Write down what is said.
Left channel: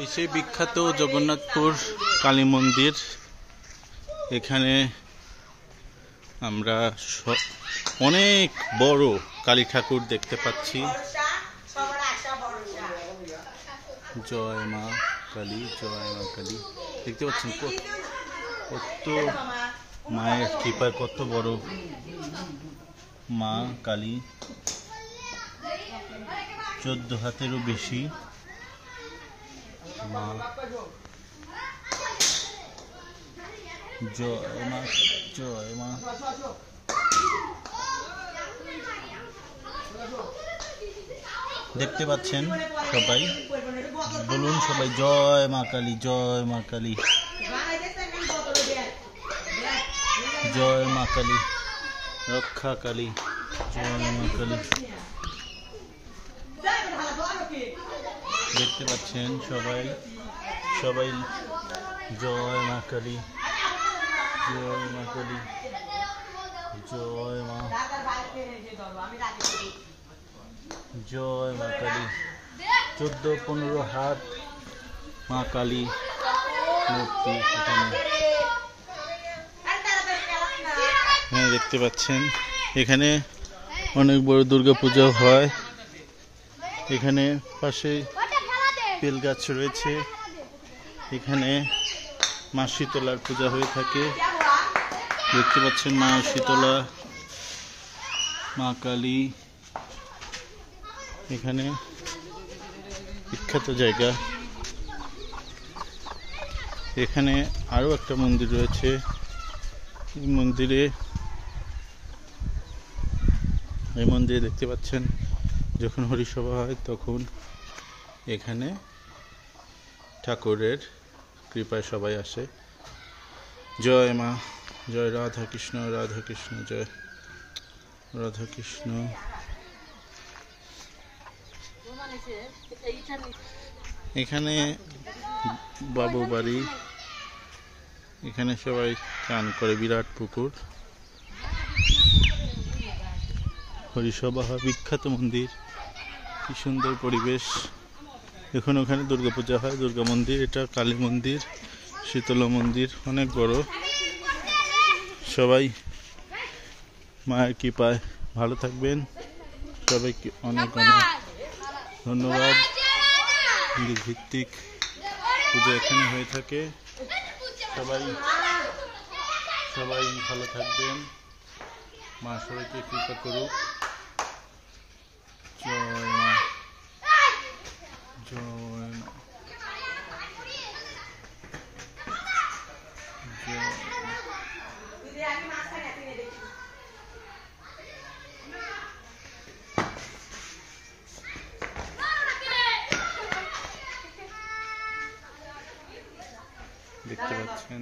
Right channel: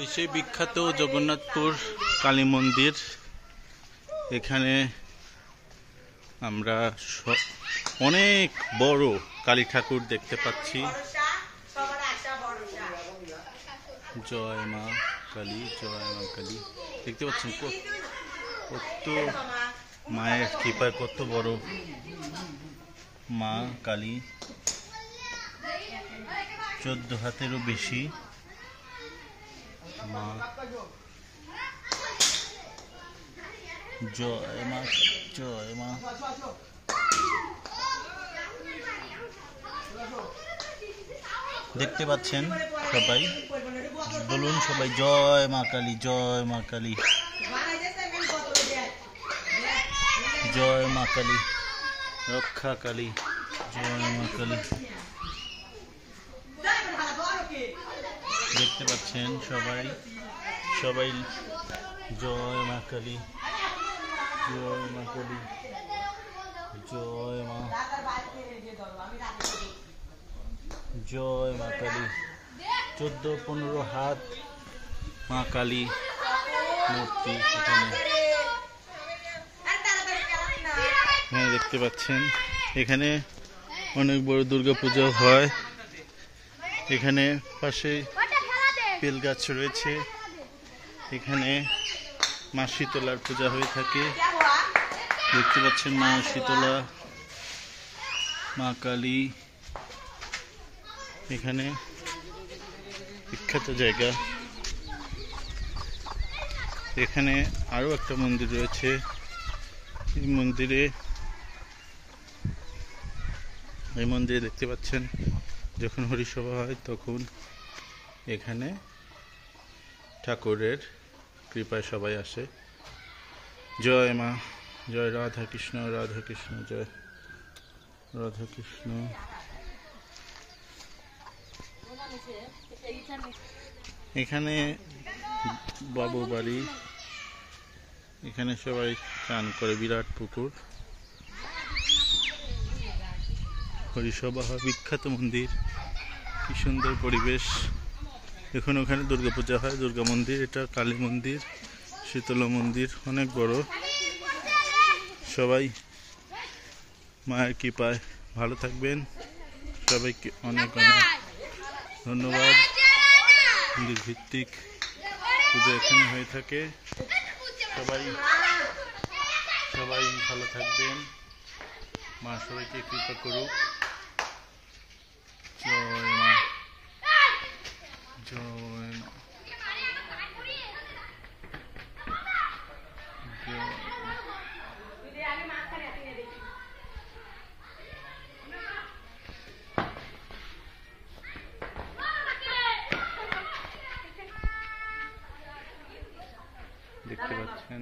এই সেই বিখ্যাত জগন্নাথপুর কালী মন্দির। এখানে আমরা অনেক বড় কালী ঠাকুর দেখতে পাচ্ছি। জয় মা কালী, জয় মা কালী। দেখতে পাচ্ছেন কত মায়ের কৃপায় কত বড় মা কালী, 14 হাতেরও বেশি মা। জয় মা, জয় মা। দেখতে পাচ্ছেন সবাই, বলুন সবাই জয় মা কালী, জয় মা কালী, জয় মা কালী, রক্ষা কালী, জয় মা কালী। দেখতে পাচ্ছেন সবাই, সবাই জয় মা কালী, জয় মা কালী, জয় মা, জয় মা কালী। 14-15 হাত মা কালী মূর্তি এখানে। হ্যাঁ, দেখতে পাচ্ছেন এখানে অনেক বড় দুর্গা পূজা হয়। এখানে পাশে বেল গাছ রয়েছে। এখানে মা শীতলার পূজা হয়ে থাকে। দেখতে পাচ্ছেন মা শীতলা, মা কালী এখানে বিখ্যাত জায়গা। এখানে আরো একটা মন্দির রয়েছে। এই মন্দিরে দেখতে পাচ্ছেন যখন হরিসভা হয় তখন এখানে ঠাকুরের কৃপায় সবাই আসে। জয় মা, জয় রাধা কৃষ্ণ, রাধা কৃষ্ণ, জয় রাধা কৃষ্ণ। এখানে বাবু বাড়ি, এখানে সবাই চান করে, বিরাট পুকুর, হরিসভা হয়, বিখ্যাত মন্দির, কি সুন্দর পরিবেশ। এখন ওখানে দুর্গাপূজা হয়, দুর্গা মন্দির, এটা কালী মন্দির, শীতলা মন্দির অনেক বড়। সবাই মায়ের কৃপায় ভালো থাকবেন। সবাইকে অনেক অনেক ধন্যবাদ। মন্দির ভিত্তিক পূজা এখানে হয়ে থাকে। সবাই ভালো থাকবেন, মা সবাইকে কৃপা করুক। জয় মা, জয় মা, দেখতে পাচ্ছেন।